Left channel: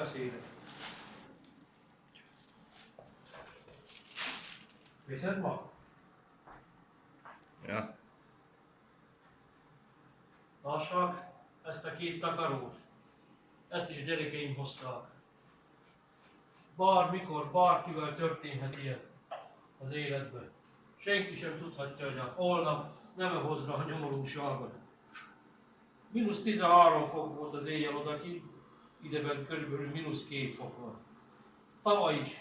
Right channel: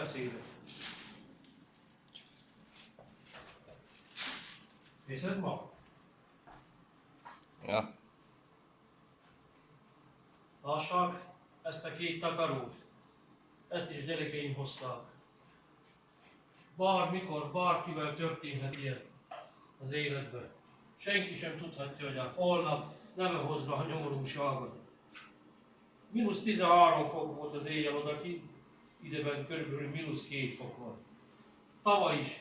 beszédet. Viszed ma? Ja. Lássak ezt a két takarót. Ezt is a gyerekeim hozták. Bármikor, bárkivel történhet ilyen az életben. Senki sem tudhatja, hogy a holnap nem hozza a nyomorúságot. -13 fok volt az éjjel odakint, ideben körülbelül -2 fok volt. Tavaly is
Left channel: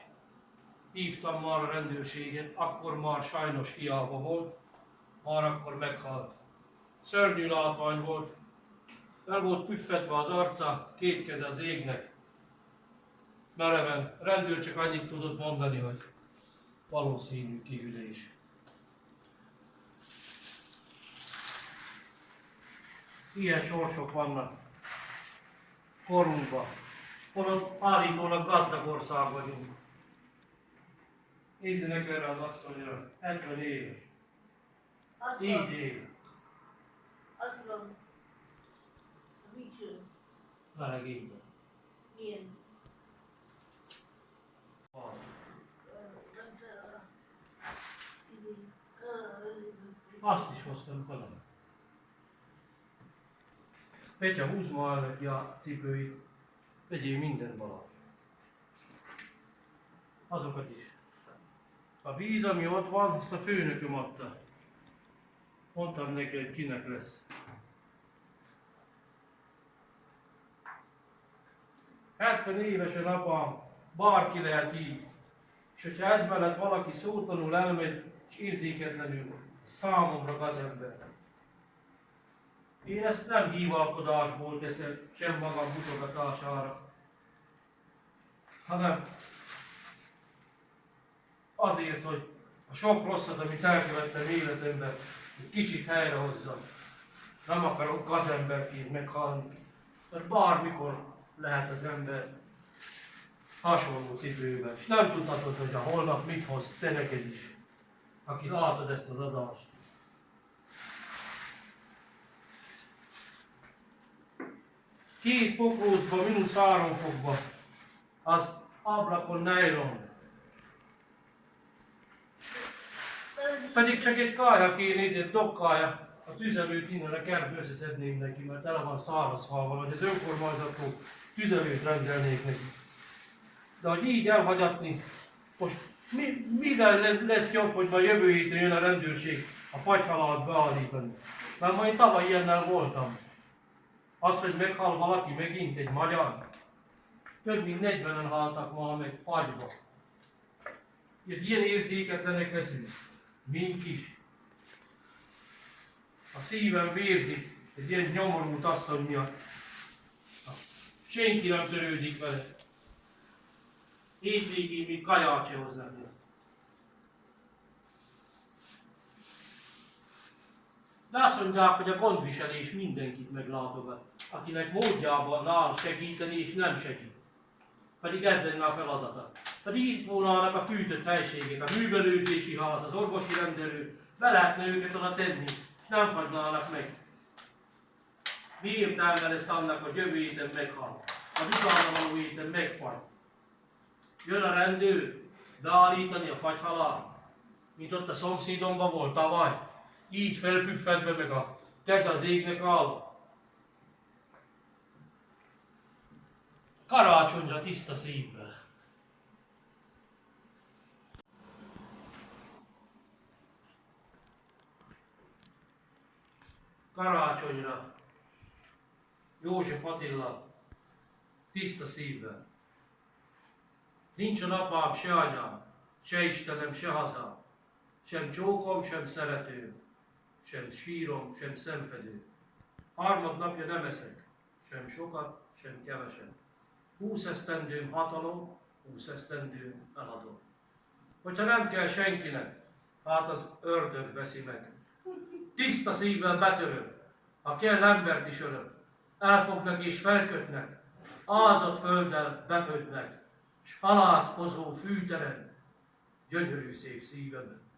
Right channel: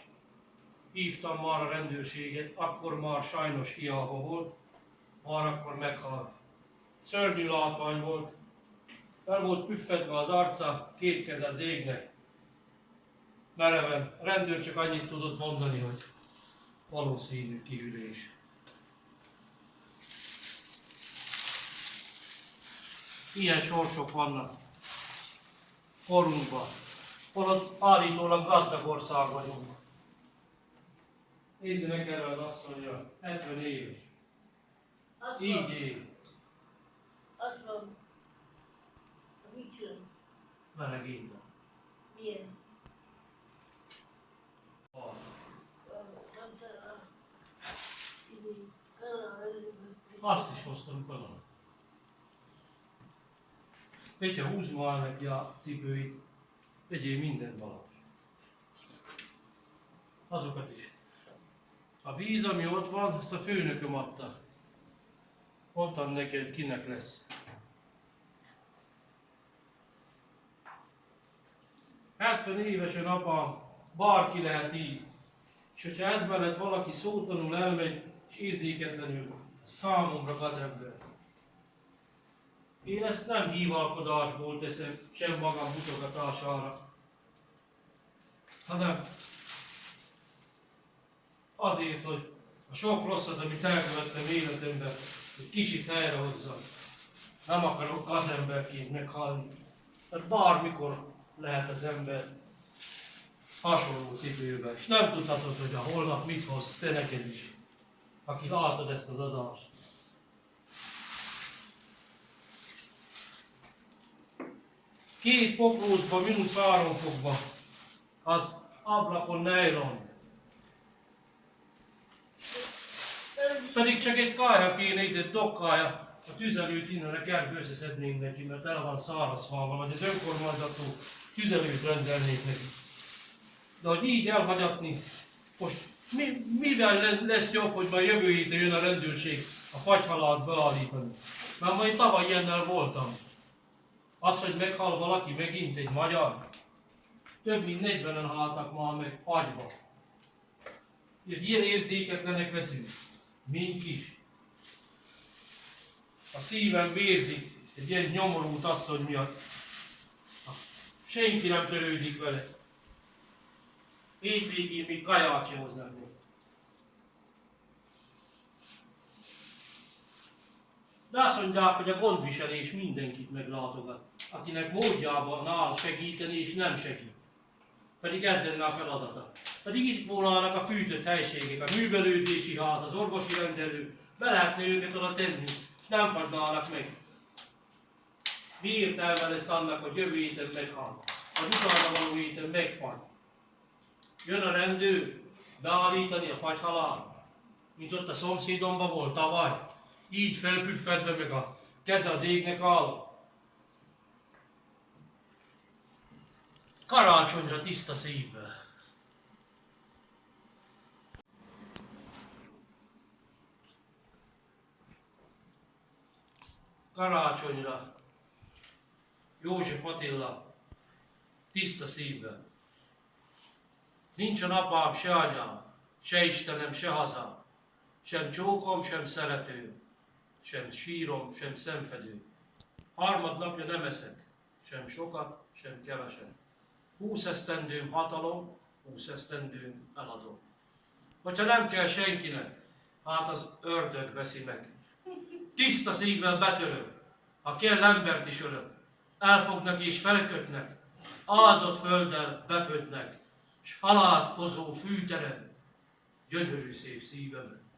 hívtam már a rendőrséget, akkor már sajnos hiába volt, már akkor meghalt. Szörnyű látvány volt, el volt püffedve az arca, két keze az égnek. Mereven, a rendőr csak annyit tudott mondani, hogy valószínű kihűlés. Ilyen sorsok vannak korunkban, holott állítólag gazdag ország vagyunk. Nézzenek erre az asszonyra, 70 éves. Így él. Azt van. Mit jön? Melegényben. Milyen? Az. Azt is hoztam talán. Petya, húzd ma el neki a cipőit, vegyél mindent Balázs. Azokat is. A víz, ami ott van, ezt a főnököm adta. Mondtam neki, hogy kinek lesz. 70 éves a apám, bárki lehet így. És hogyha ez mellett valaki szótlanul elmegy, és érzéketlenül, számomra gazember. Én ezt nem hívalkodásból teszem, sem magam mutogatására, hanem azért, hogy a sok rosszat, amit elkövettem életemben, egy kicsit helyrehozzam. Nem akarok gazemberként meghalni, mert bármikor lehet az ember hasonló cipőben, és nem tudhatod, hogy a holnap mit hoz te neked is, aki látod ezt az adást. Két pokrócba, -3 fokba, az ablakon nylon. Pedig csak egy kája kéne, itt egy dokkája, a tüzelőt innen a kertbe összeszednénk neki, mert tele van szárazfával, vagy az önkormányzattól tüzelőt rendelnék neki. De hogy így elhagyatni, most mivel lesz jobb, hogy már jövő héten jön a rendőrség a fagyhalált beállítani? Mert majd tavaly ilyennel voltam. Az, hogy meghal valaki megint egy magyar, több mint 40-en haltak már meg fagyba. Egy ilyen érzéketlenek leszünk, mint is. A szívem vérzik egy ilyen nyomorult asszony miatt. Senki nem törődik vele. Hétvégén még kaját se hozzák neki. De azt mondják, hogy a gondviselés mindenkit meglátogat, akinek módjában áll segíteni és nem segít. Pedig ez lenne a feladata. Pedig itt volnának a fűtött helységek, a művelődési ház, az orvosi rendelő, be lehetne őket oda tenni, és nem fagynának meg. Mi értelme lesz annak, hogy jövő héten meghal, az utána való héten megfagy. Jön a rendőr beállítani a fagyhalált, mint ott a szomszédomban volt tavaly, így felpüffedve meg a keze az égnek áll. Karácsonyra tiszta szívvel. Karácsonyra József Attila tiszta szívvel. Nincsen apám, se anyám, se Istenem, se hazám, sem csókom, sem szeretőm, sem sírom, sem szenvedőm. Harmadnapja nem eszek, sem sokat, sem keveset. 20 esztendőm hatalom, 20 esztendőm eladom. Hogyha nem kell senkinek, hát az ördög veszi meg. Tiszta szívvel betörök, ha kell embert is ölök. Elfognak és felkötnek, áldott földdel befödnek, s halált hozó fűteren, gyönyörű szép szívemen.